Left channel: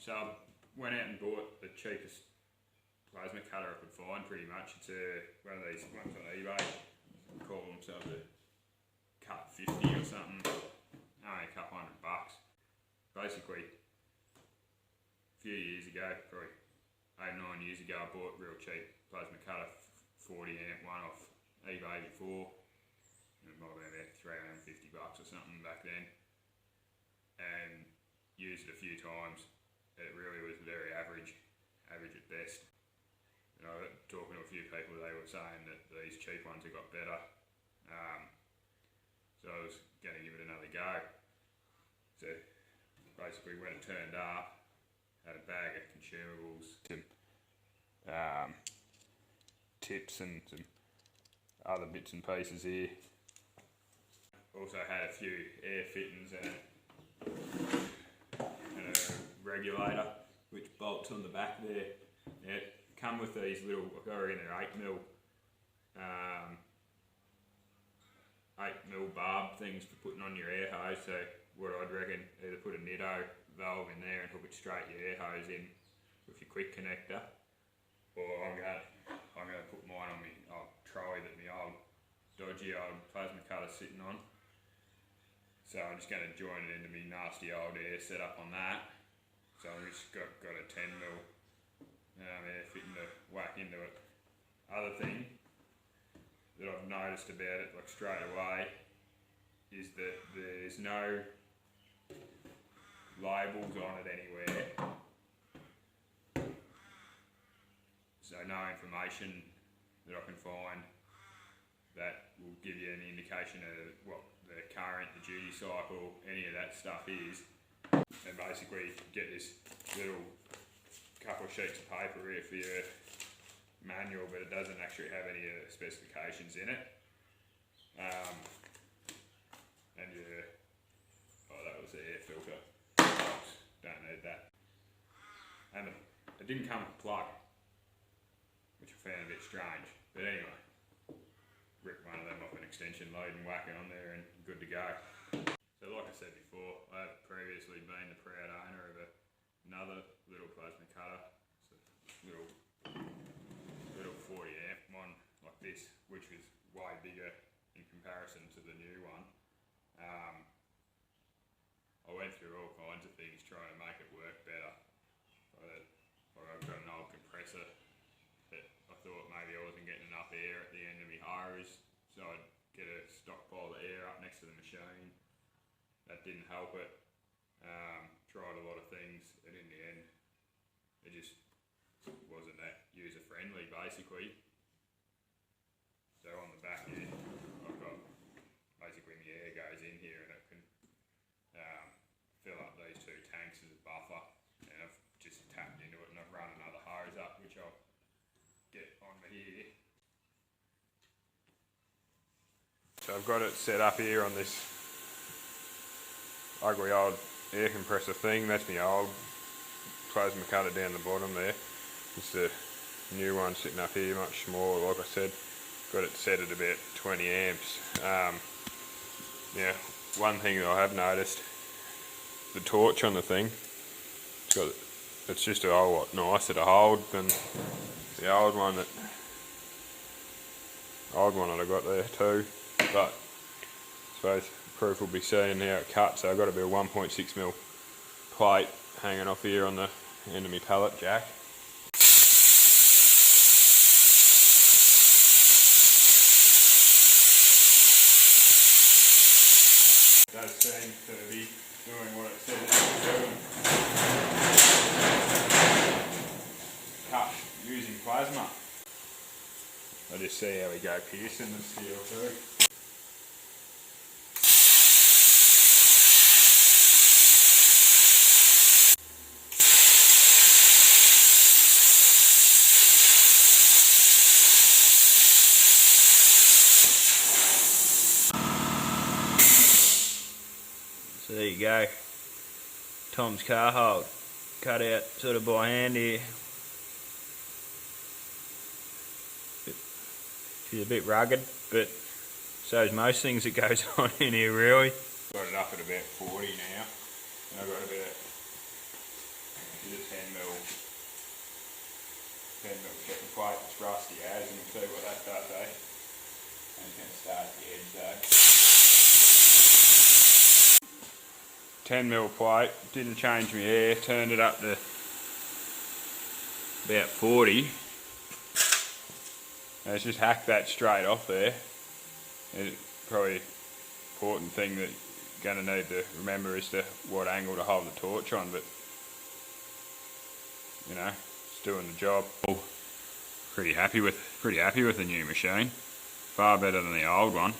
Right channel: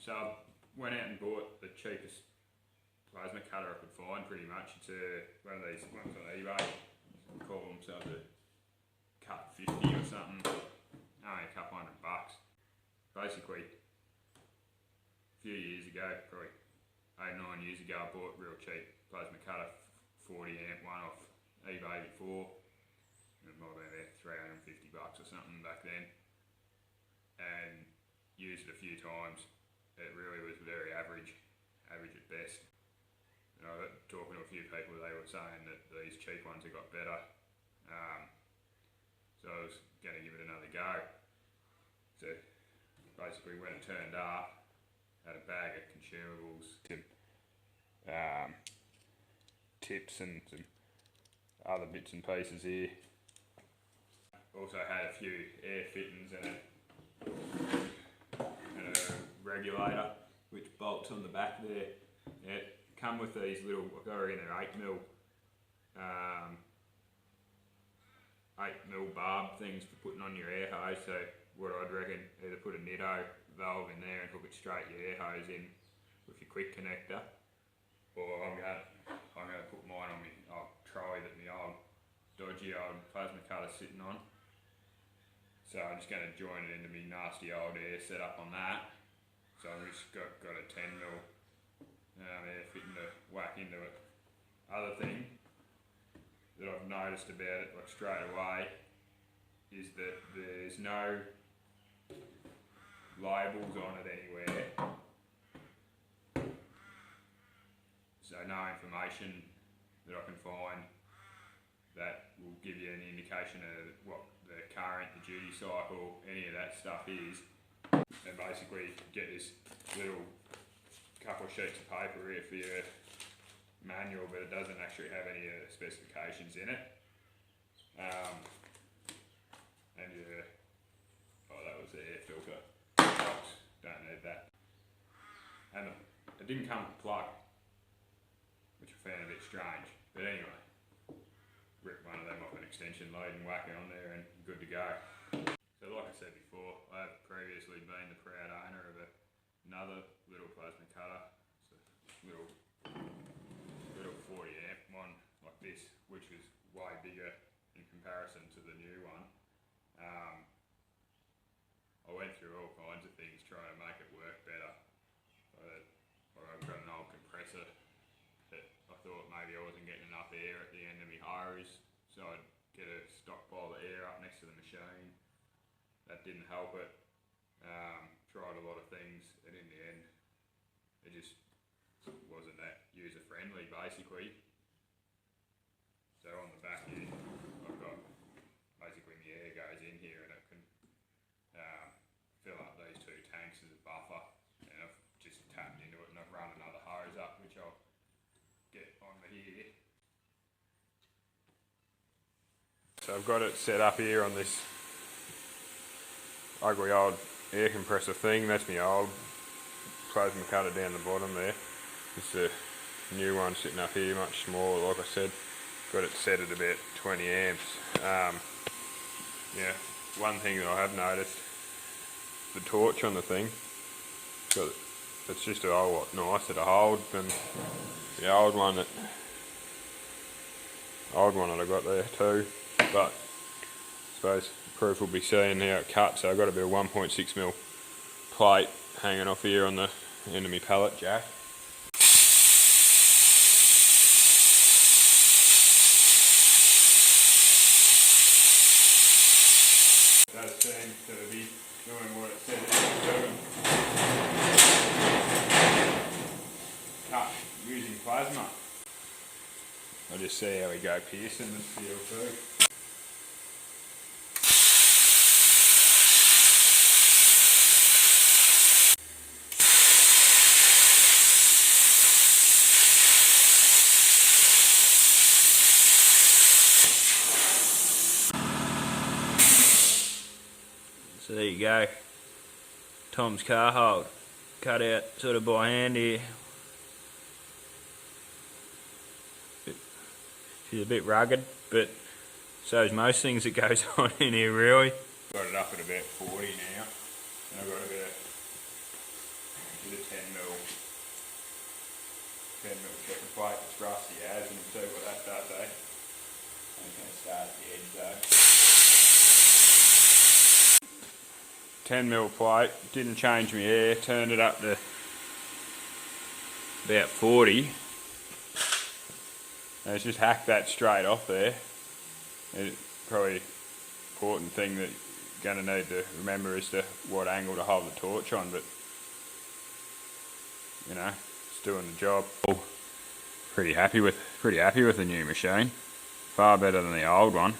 So I went out and bought the cheapest plasma cutter I could find pretty much. It's one of these ones on eBay, call themselves a Cut50 or something, only a couple $100. Basically, a few years ago, probably 8 or 9 years ago, I bought a real cheap plasma cutter, 40 amp one off eBay before. It might have been about $350 or something back then, and used it a few times. It really was very average at best. You know, talking to a few people, they were saying that these cheap ones have got better. So I was going to give it another go. So basically when it turned up, had a bag of consumables, some tips and some other bits and pieces here. Also had a few air fittings and a regulator which bolts on the back there. It come with these little, I got in there 8mm barb things for putting on your air hose. So what I'd reckon, either put a Nitto valve in there and hook it straight your air hose in with your quick connector, or I'm gonna put mine on my old trolley that my old dodgy old plasma cutter's sitting on. So I'm just going to join it into my nasty old air setup on that. So I've just got a 10mm air fitting to whack into it. Other thing that I've noticed about it, like straight away, is that there's no labels on it anywhere. So no information that I can find that will give you any indication of what the current, the duty cycle, any of that stuff is. And basically get this little couple of sheets of paper here for your manual, but it doesn't actually have any of the specifications in it. And yeah, oh, that was the air filter. Don't need that. And it didn't come with a plug, which I found a bit strange. But anyway, rip one of them off an extension lead and whack it on there and good to go. So like I said before, I have previously been the proud owner of another little plasma cutter. It's a little 40 amp one like this, which was way bigger in comparison to the new one. I went through all kinds of things trying to make it work better. I've got an old compressor that I thought maybe I wasn't getting enough air at the end of my hose, so I'd get a stockpile of air up next to the machine. That didn't help it. Tried a lot of things, and in the end, it just wasn't that user friendly basically. So on the back here, I've got basically my air goes in here and it can fill up these two tanks as a buffer, and I've just tapped into it and I've run another hose up, which I'll get on here. So I've got it set up here on this ugly old air compressor thing. That's my old plasma cutter down the bottom there. Just a new one sitting up here, much smaller. Like I said, got it set at about 20 amps. Yeah, one thing that I have noticed, the torch on the thing, so it's just a whole lot nicer to hold than the old one that I got there too. But I suppose proof will be seen how it cuts. So I've got a bit of 1.6mm plate hanging off here on the end of my pallet jack. It does seem to be doing what it said it was doing. Cut using plasma. I'll just see how we go piercing the steel too. So there you go, Tom's car hold, cut out sort of by hand here. She's a bit rugged, but so is most things that goes on in here really. Got it up at about 40 now, and I've got about bit of 10mm second plate, it's rusty as, and you'll see what that does, eh? And it's going to start at the edge though. 10mm plate, didn't change my air, turned it up to about 40. And it's just hacked that straight off there. It's probably important thing that you're going to need to remember is to what angle to hold the torch on, but you know, it's doing the job. Pretty happy with the new machine. Far better than the old one.